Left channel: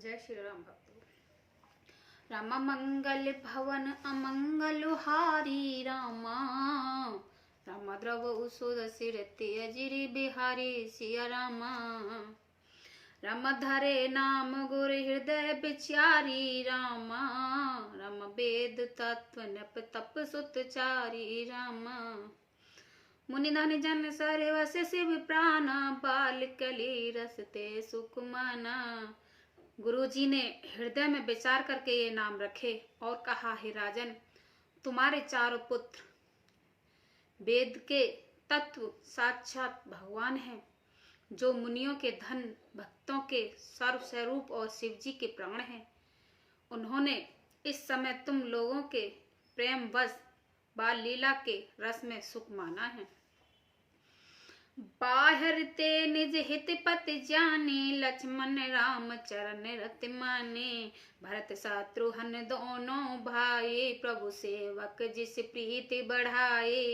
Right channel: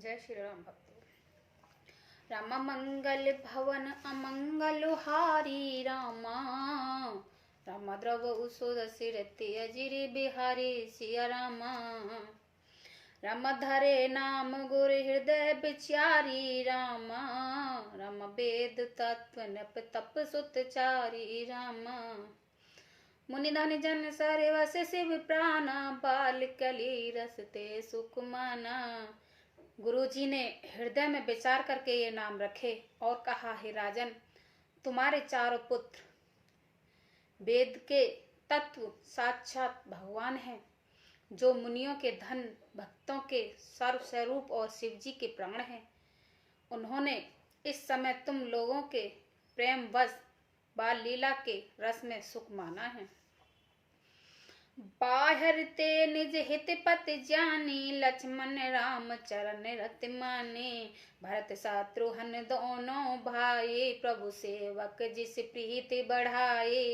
जय श्री राम भक्तों। राम मंगल भवन अमंगल हारी रामा, राम द्रव सुर सिर तेजिरि बिहारी सिया रामा। राम धरे नाम गुर हृदय बिचारी रामा, राम वेद तत्व नप तप सुत चारी रामा। मुनि धन जन सर वस शिव प्राणा, बाल कली रसते सुख माना। गुरु जी ने हृदय में विचार करके ये नाम रखे और कहा, हे राजन, तुम्हारे चारों पुत्र वेद के तत्व साक्षात भगवान हैं, जो मुनियों के धन, भक्तों के सर्वस्वरूप और शिव जी के प्राण हैं। उन्होंने इस समय तुम लोगों के प्रेम वश बाल लीला के रस में सुख माना है। बाहर ते निज हित पत जानी, लक्ष्मण राम चरण रत माने। भरत शत्रुघ्न दोनों भाई, प्रभु सेवक जिस प्रीति बढ़ाए।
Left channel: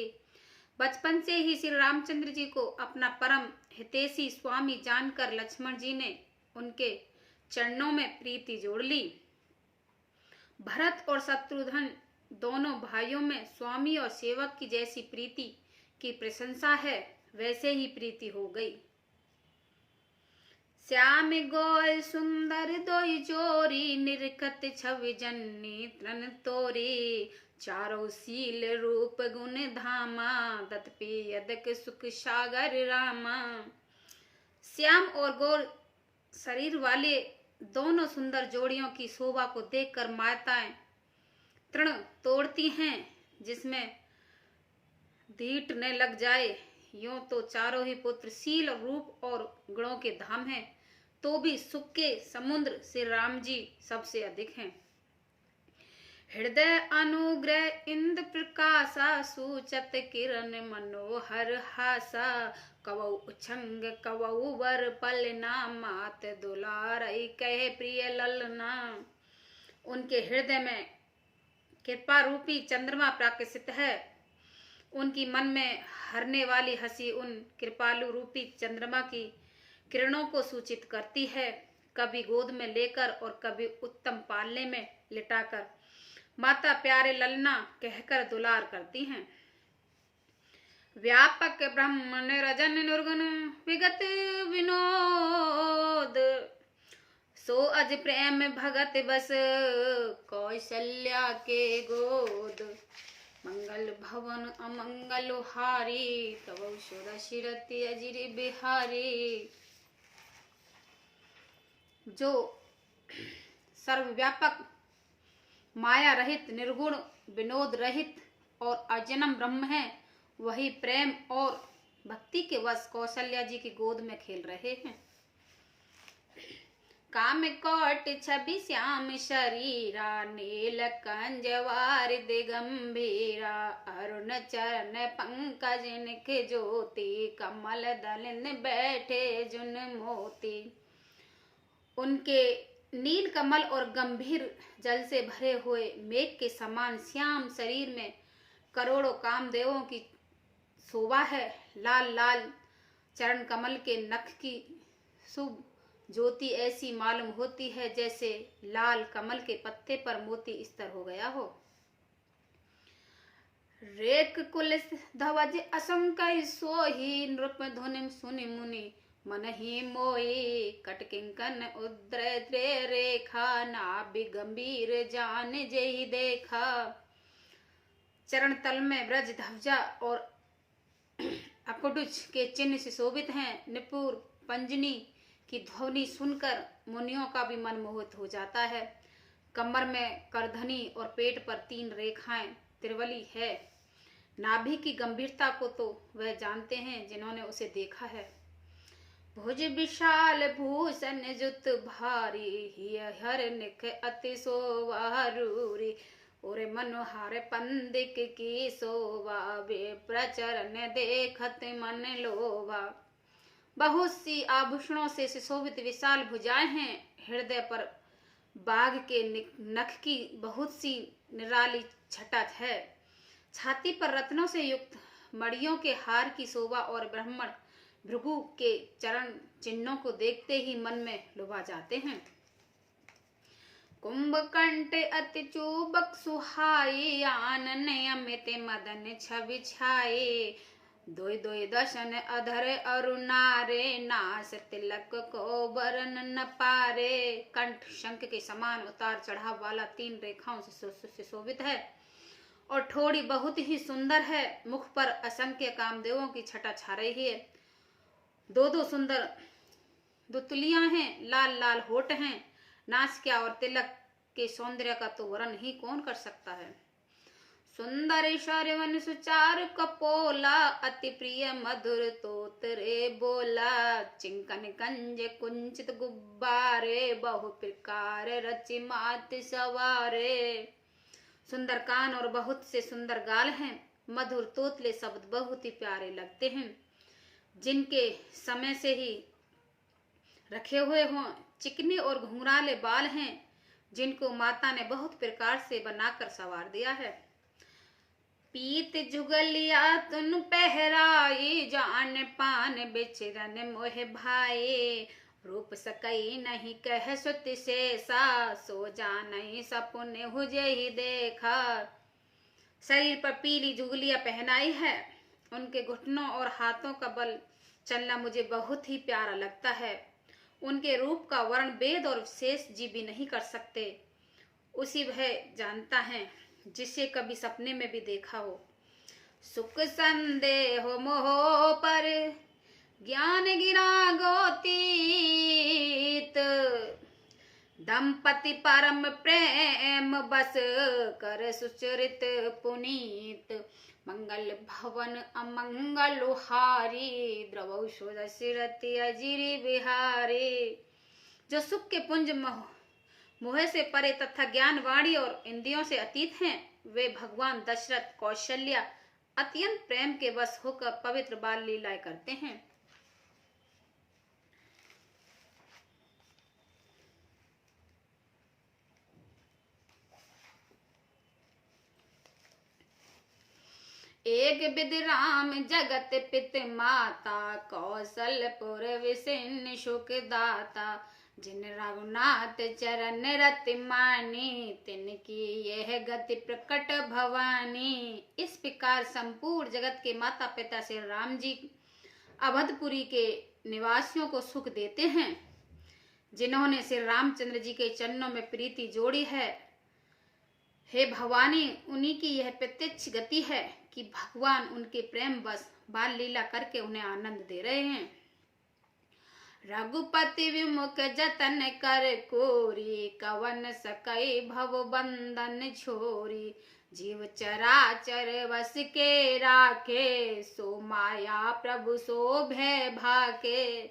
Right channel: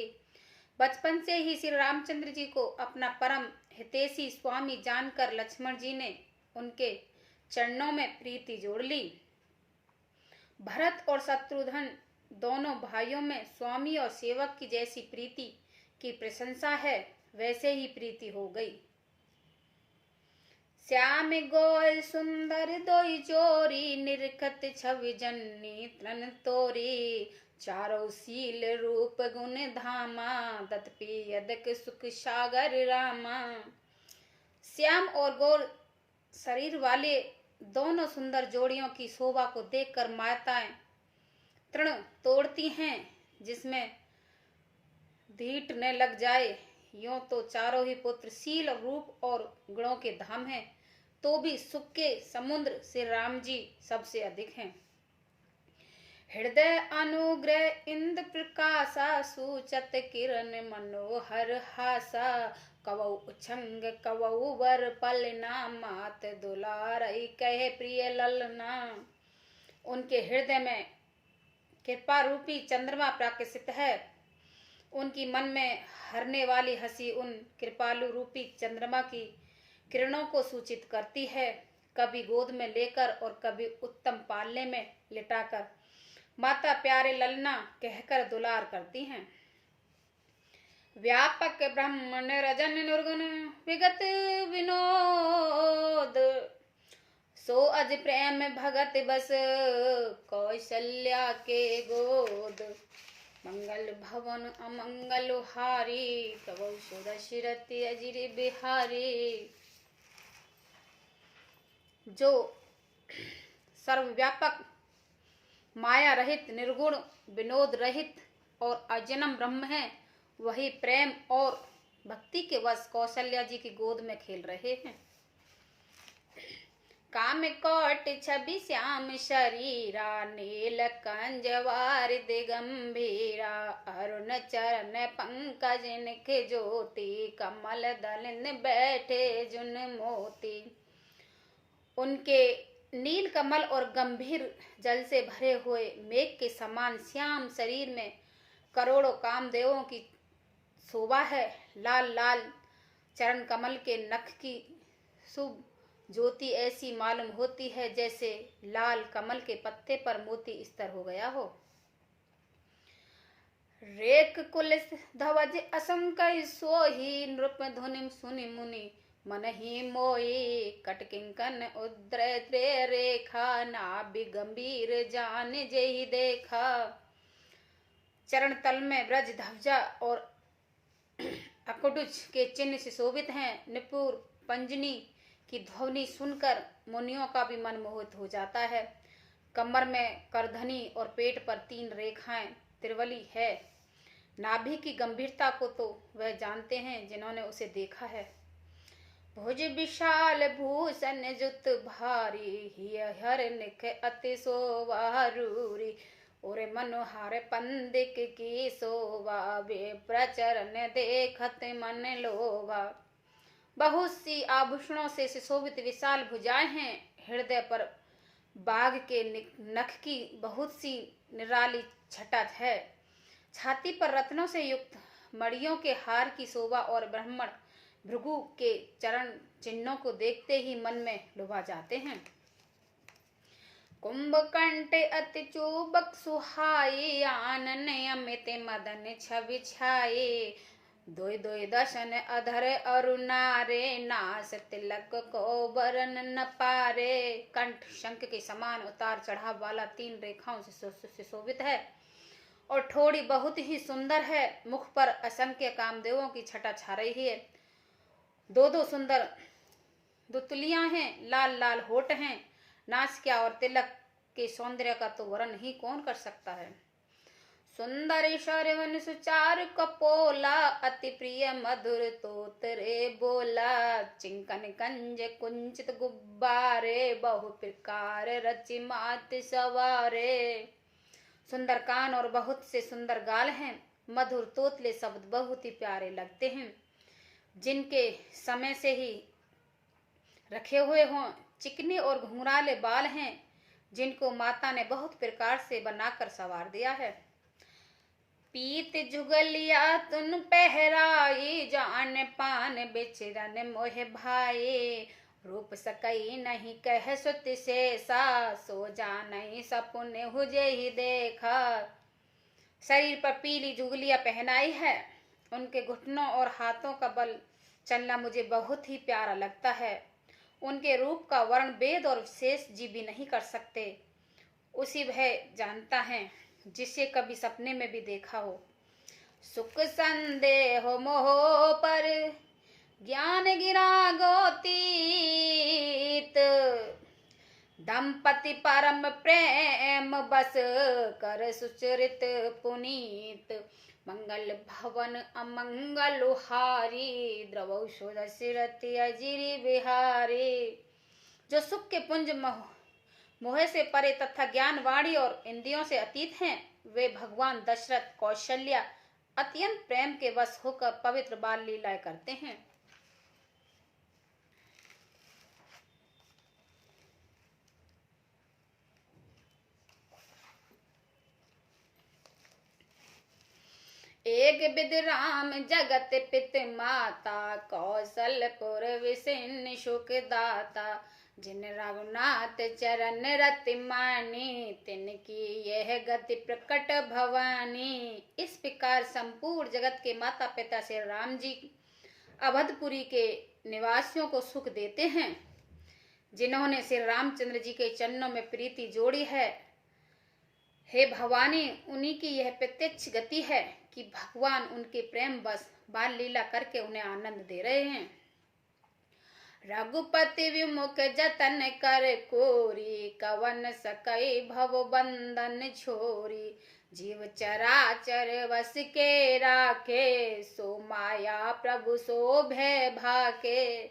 बचपन से ही श्री रामचंद्र जी को अपना परम हितैषी स्वामी जानकर लक्ष्मण जी ने उनके चरणों में प्रीति जोड़ ली। भरत और शत्रुघ्न दोनों भाइयों में स्वामी और सेवक की जैसी प्रीति की प्रशंसा है, वैसे ही प्रीति हो गई। श्याम गोल सुंदर दोई जोरी, निरखत छवि जन्नी तन तोरी। चारों शील रूप गुण धामा, तत्पि यदक सुख सागर रामा। श्याम और गोल शरीर वाले दोनों सुंदर जोड़ियों की शोभा को देखकर माताएं तृण तोड़ती हैं, जिसमें धीट न लग जाए। यूं तो चारों ही पुत्र शील, रूप और गुणों के धाम हैं, तो भी सुख के समुद्र से राम जी सबसे अधिक हैं। हृदय अनुग्रह इंद्र प्रकाशा, सूचत किरण मनोहर हासा। कवौ उछंग कवौ वर पलना, मात दुलारई कहे प्रिय ललना। उनके हृदय में कृपा रूपी चंद्रमा प्रकाशित है। उनकी मन में हरने वाली हंसी उन कृपालु रूपी चंद्रमा की किरणों को सूचित करती है। कभी गोद में लेकर और कभी उत्तम पालने में लिटाकर माता प्यारे ललना कहकर दुलार करती हैं। व्यापक ब्रह्म निरजन निर्गुण विगत विनोद, सो अज प्रेम भगत बस कौशल्या के गोद। मंगल भवन अमंगल हारी, कवौ सुर सिर तेजिरि बिहारी। जो सर्वव्यापक, माया रहित, निर्गुण, विनोद रहित और अजन्म ब्रह्म है, वही प्रेम और भक्ति के वश कौशल्या जी की गोद में खेल रहे हैं। काम कोट छवि श्याम शरीरा, नील कंजवार दिगंभीरा। अरुण चरण पंकज निख ज्योति, कमल दलन बैठे जुन मोती। उनके नील कमल और गंभीर जल से भरे हुए मेघ के समान श्याम शरीर में करोड़ों कामदेवों की शोभा है। लाल लाल चरण कमल के नख की शुभ ज्योति ऐसी मालूम होती है, जैसे लाल कमल के पत्ते पर मोती स्तर हो गया हो। रेख कुल धवज असंख्य सोही, नृप धुनि सुनि मुनि मन ही मोई। कटकिंकन उद्र रेखा, नाभि गंभीर जान जेहि देखा। चरण तल में ब्रज ध्वजा और अकुडुच के चिन्ह से शोभित हैं। निपुर पंजनी की ध्वनि सुनकर मुनियों का भी मन मोहित हो जाता है। कमर में करधनी और पेट पर 3 रेखाएं त्रिवली है। नाभि की गंभीरता को तो वह जानते हैं जिन्होंने उसे देखा है। भुज विशाल भूषण जुत भारी, हिय हर निख अति शोभा रूरी। और मनोहार पंदिक की शोभा, वे प्रचरण देखत मन लोभा। बहुत सी आभूषणों से सुशोभित विशाल भुजाएं हैं। हृदय पर बाघ के नख की बहुत सी निराली छटा है। छाती पर रत्नों से युक्त मणियों के हार की शोभा और ब्राह्मण भृगु के चरण चिन्हों को देखते ही मन में लुभा जाते हैं। कुंभकंठ अति चूबक सुहाई, आनन अमित मदन छवि छाये। दोय दोय दशन अधर अरुणारे, नास तिलक को बरन न पारे। कंठ शंख के समान उतार चढ़ाव वाला 3 रेखाओं से शोभित है और ठोड़ी बहुत ही सुंदर है। मुख पर असंख्य कामदेवों की छटा छा रही है। 2 सुंदर दुतलियां हैं, लाल लाल होठ हैं। नासिका और तिलक के सौंदर्य का तो वर्णन ही कौन कर सकता है। सुंदर शरवन सुचार कपोला, अति प्रिय मधुर तोतरे बोला। चिंकन कंज कुंचित गुब्बारे, बहु प्रकार रचि मात सवारे। सुंदर कान और बहुत से सुंदर गाल हैं। मधुर तोतले शब्द बहुत ही प्यारे लगते हैं। जिनके समय से ही रखे हुए हों। चिकने और घुंघराले बाल हैं, जिनको माता ने बहुत प्रकार से बनाकर संवार दिया है। पीत जुगलिया तुन पहराई, जान पान बिचरन मोह भाई। रूप सकई नहीं कह सुत शेषा, सो जानई सपुन हुजहि देखा। शरीर पर पीली जुगलियां पहनाई है। उनके घुटनों और हाथों का बल चलना मुझे बहुत ही प्यारा लगता है। उनके रूप का वर्ण वेद और शेष जी भी नहीं कर सकते। उसी वह जानता है जिसे कभी सपने में भी देखा हो। सुख संदेह मोह पर ज्ञान गिरा गोतीत, दंपति परम प्रेम बस कर सुचरित पुनीत। मंगल भवन अमंगल हारी, द्रवौ सुरसिरति अजिरि बिहारी। जो सुख के पुंज मोह से परे तथा ज्ञान वाणी और इंद्रियों से अतीत हैं, वे भगवान दशरथ कौशल्या अत्यंत प्रेम के वश होकर पवित्र बाल लीलाएं करते हैं। एक विध राम जगत पित माता, कौशलपुर विसिन सुख दाता। जिन रघुनाथ चरण रति मानी, तिनकी यह गति प्रकट भवानी। इस प्रकार संपूर्ण जगत के माता पिता श्री राम जी अवधपुरी के निवासियों को सुख देते हैं। जिन्होंने श्री रामचंद्र जी के चरणों में प्रीति जोड़ी है, हे भवानी, उन्हीं की यह प्रत्यक्ष गति है कि भगवान उनके प्रेम बस बाल लीला करके उन्हें आनंद दे रहे हैं। रघुपति विमुख जतन कर कोरी, कवन सकई भव बंधन छोरी। जीव चराचर वस के राखे, सो माया प्रभु सो भय भाके।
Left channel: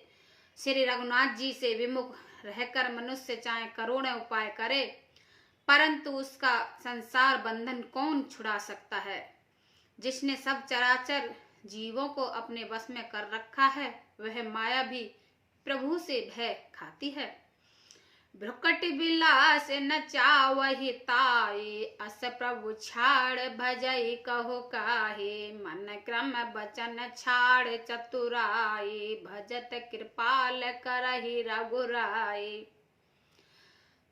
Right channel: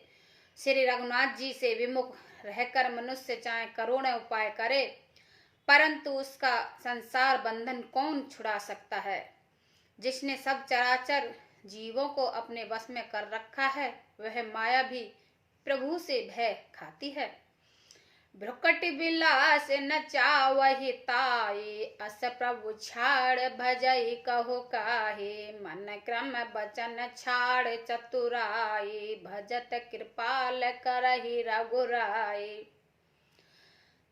श्री रघुनाथ जी से विमुख रहकर मनुष्य चाहे करोड़ों उपाय करे, परंतु उसका संसार बंधन कौन छुड़ा सकता है। जिसने सब चराचर जीवों को अपने वश में कर रखा है, वह माया भी प्रभु से भय खाती है। भ्रुकट विलास न चावहि ताये, अस प्रभु छाड़ भजई कहो काहे। मन क्रम बचन छाड़ चतुराई, भजत कृपाल करहि रघुराई।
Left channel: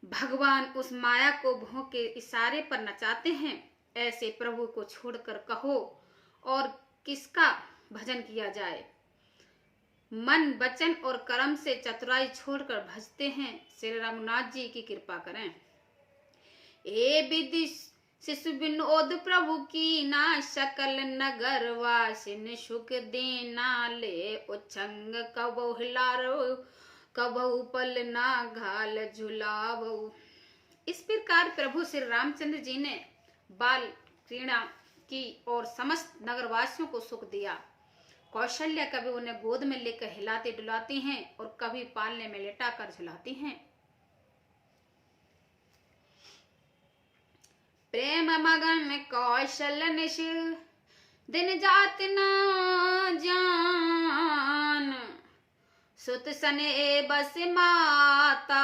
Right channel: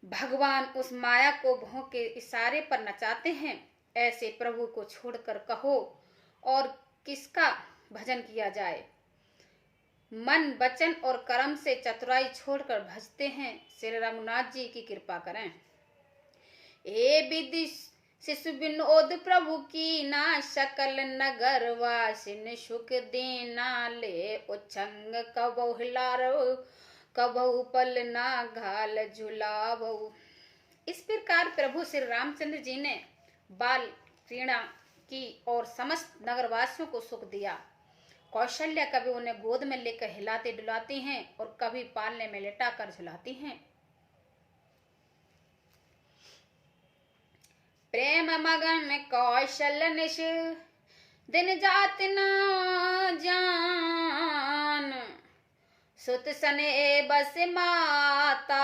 भगवान उस माया को भों के इशारे पर नचाते हैं। ऐसे प्रभु को छोड़कर कहो और किसका भजन किया जाए। मन वचन और कर्म से चतुराई छोड़कर भजते हैं। श्री रघुनाथ जी की कृपा करें। ए विधि शिशु विनोद प्रभु की ना, सकल नगर वासिन सुख देना। ले उच्छंग कबहु हिलारो, कबहु पल ना घाल झुलावो। इस प्रकार प्रभु श्री रामचंद्र जी ने बाल क्रीड़ा की और समस्त नगरवासियों को सुख दिया। कौशल्या कभी उन्हें गोद में लेकर हिलाती डुलाती हैं और कभी पालने में लेटाकर झुलाती हैं। प्रेम मगन कौशल निश, दिन जात न जान। सुत सने बस माता,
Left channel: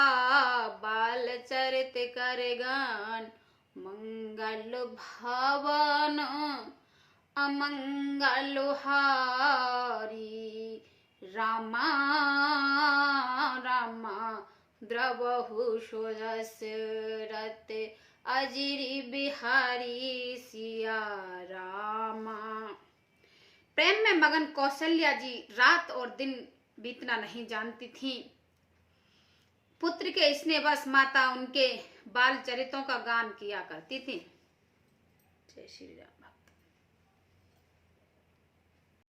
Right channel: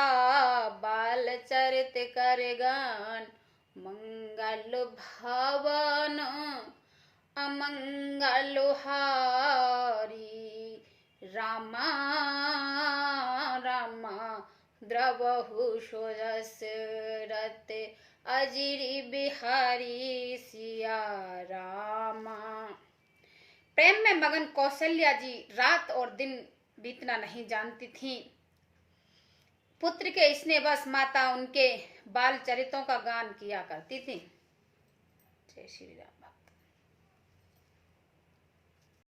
बाल चरित कर गान। मंगल भवन अमंगल हारी, रामा रामा द्रवहु दशरथ अजिरी बिहारी सिया रामा। प्रेम में मगन कौशल्या जी रात और दिन बीतना नहीं जानती थीं। पुत्र के स्नेहवश माता उनके बाल चरित्रों का गान किया करती थी। जय श्री राम।